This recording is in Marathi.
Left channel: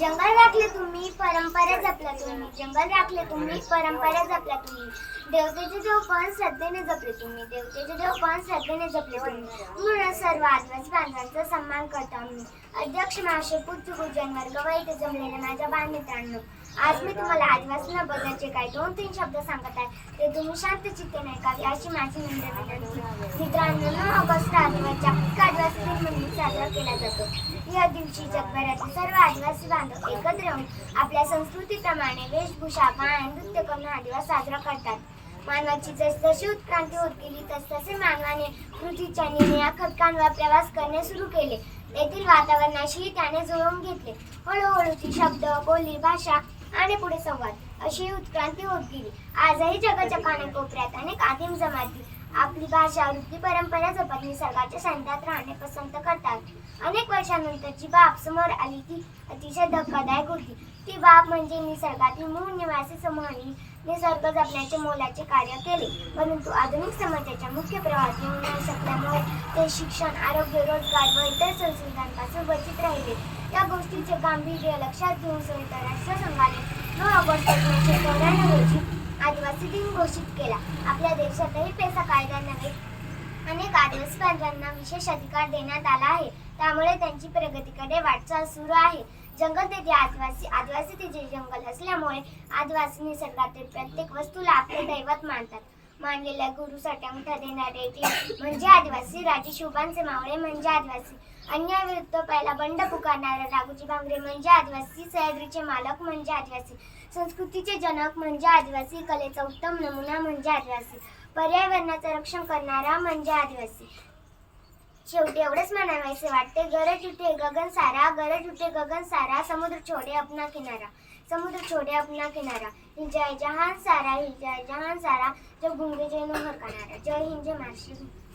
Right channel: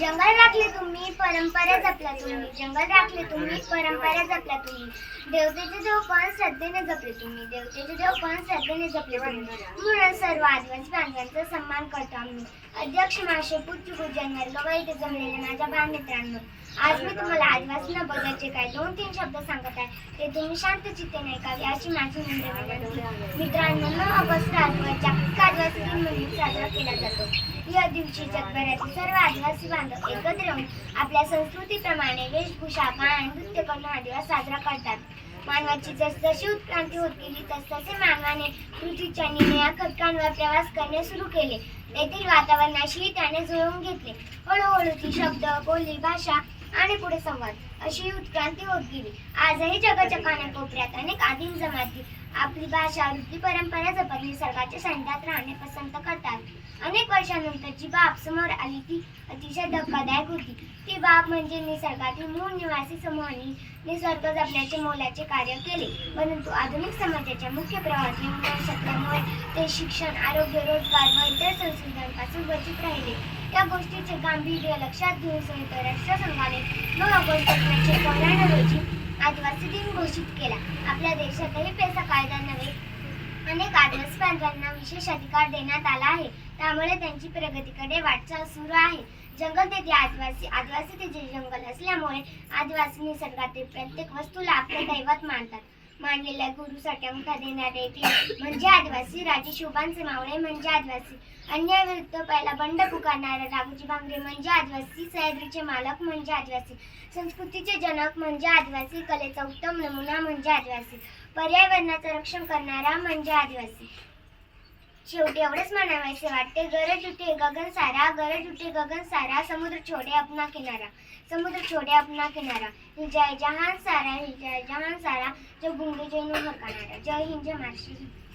जंगल राखले तुम्ही परंपरा जपल्या तुम्ही जंगल राखले तुम्ही परंपरा जपल्या तुम्ही. देवतेचे देव पण श्रद्धेने जपले तुम्ही देवतेचे देव पण श्रद्धेने जपले तुम्ही. म्हणून सर्व आदिवासी बांधवांचा सन्मान करतो आम्ही. अध्यक्ष माशे पूज्य पूजन वर्ग व इथे जमलेले माझ्या बांध मित्रांनो आज मी तुम्हाला आदिवासींना बघायचे काय दोन तीन शब्द सांगत आहे. ते तुम्ही शांत चित्तेने ऐकावे अशी माझी विनंती मित्रांनो ऑगस्ट दिन म्हणून साजरा केला जातो. या दिवशी जगभरातील सर्व आदिवासी बांधव एकत्र येऊन आपल्या संस्कृतीप्रमाणे वेशभूषा गाणं नृत्य करून हा दिवस साजरा करतात. मानवाची जसजशी उत्क्रांती होत गेली तसतसे मानवाने पृथ्वीच्या निळ्या खडकांवर प्रवास करणे सुरू केले. तेथील वातावरणाशीही त्याने जुळवून घेतले. हळूहळू ती शब्द बोली भाषा आणि पुढे संवाद. अशी उत्क्रांती होत गेली. आजही जगाच्या कानाकोपऱ्यात अनेक आदिम जमाती आपली भाषा वृत्ती परंपरा जपत निसर्गाच्या संधात राहणे पसंत करतात. अनेक वर्षानंतरची बाब समोर आली ती अतिशय धक्कादायक होती. ती बाब म्हणजे निसर्गातील मूळ निवासी समूहांनी निसर्ग जपण्याचे मोलाचे कार्य केले. परंतु आधुनिक समाजाच्या मुख्य प्रवाहात येऊ न शकल्यामुळे ते शिक्षण आरोग्य रोजगार व इतर संस्कृतांपासून वंचित राहिले. त्या गोष्टीचे गांभीर्य लक्षात घेऊन संयुक्त राष्ट्रसंघाने नऊ ऑगस्ट एकोणीसशे चौऱ्याण्णव रोजी आदिवासी दिन घोषित केला. आपल्या देशातही पेसा कायदा नव्हे अनेक आदिवासी बांधवांना विशेष अधिकार देण्यात आला आहे. त्यामुळे त्यांची प्रगतीकडे वाटचाल सुरू आहे. जंगल तेथे आदिवासी आदिवासी तेथे जंगल असल्यामुळे आदिवासी निसर्गातील प्रत्येक वस्तूला आपले दैवत मानतात. मांडलेल्या गुरु साठ्यांका देणारे म्हणजे आदिवासी राजे शोभांचे मावळे म्हणजे आदिवासी. अन्यायाविरुद्ध पहिला बंड पुकारणारे राघोजी भांगरे म्हणजे आदिवासी. सह्याद्रीचे मालक म्हणजे आदिवासी. संस्कृतीचे जनक म्हणजे आदिवासी. कलेचा उत्तम नमुना म्हणजे आदिवासी. पर्यावरणाचं रक्षण करणारा म्हणजे आदिवासी. शेवटी एवढेच म्हणावायचे वाटते. गरज उठे गगन सारा गरज उठे गगन सारा समुद्र छोडे अपना किनारा समुद्र छोडे अपना किनारा. ही जय जहान सारा ही जय जहान सारा जय गुंगे जय हरकाणारा जय हिंद जय महाराष्ट्र.